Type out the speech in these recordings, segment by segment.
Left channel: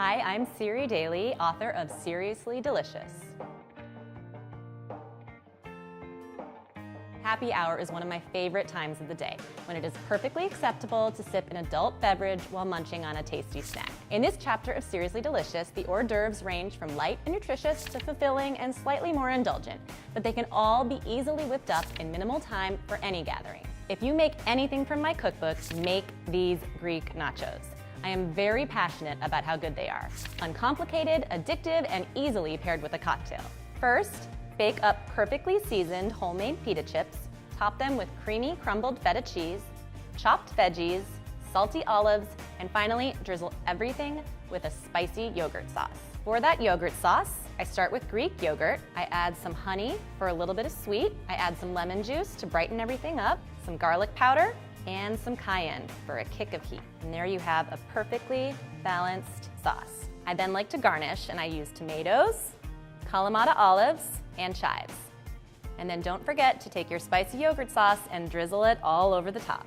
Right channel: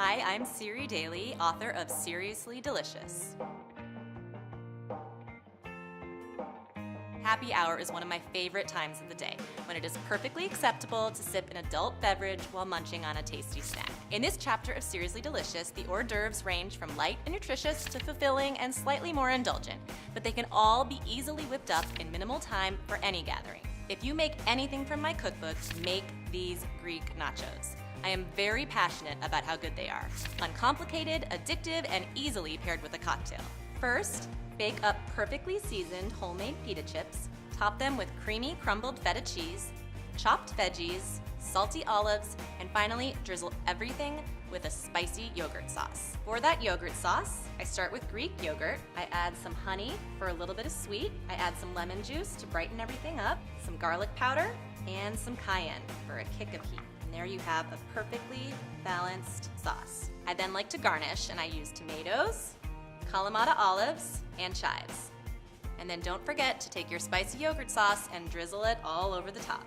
Hi, I'm Siri Daly, author of Seriously Delicious. Happy hour is one of my favorite times of the day, when it is perfectly acceptable to sip an adult beverage while munching on a tasty snack. In this chapter of Seriously Delicious, the hors d'oeuvres range from light and nutritious to fulfilling and slightly more indulgent, but they can all be easily whipped up in minimal time for any gathering. If you make anything from my cookbook, make these Greek nachos. I am very passionate about how good they are. Uncomplicated, addictive, and easily paired with a cocktail. First, bake up perfectly seasoned homemade pita chips, top them with creamy crumbled feta cheese, chopped veggies, salty olives, and finally drizzle everything with a spicy yogurt sauce. For that yogurt sauce, I start with Greek yogurt. I add some honey for a little bit of sweet. I add some lemon juice to brighten everything up, some garlic powder, and some cayenne for a kick of heat. And there you have a perfectly balanced sauce. I then like to garnish, and I use tomatoes, Kalamata olives, and chives. And then don't forget to take your spicy yogurt sauce and drizzle it all over the top.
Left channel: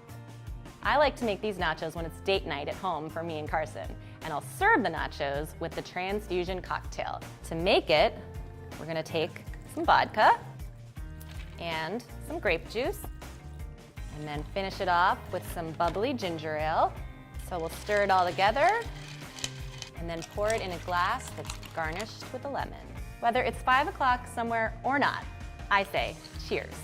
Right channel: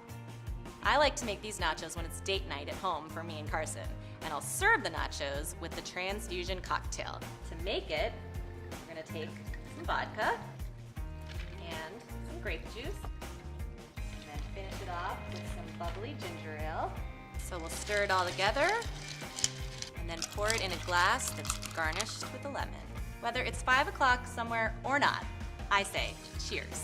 I like to make these nachos when it's date night at home for me and Carson, and I'll serve the nachos with the transfusion cocktail. To make it, we're gonna take some vodka and some grape juice, and then finish it off with some bubbly ginger ale. So we'll stir it all together, and then pour it in a glass that's garnished with a lemon. Whether it's 5 o'clock somewhere or not, I say cheers.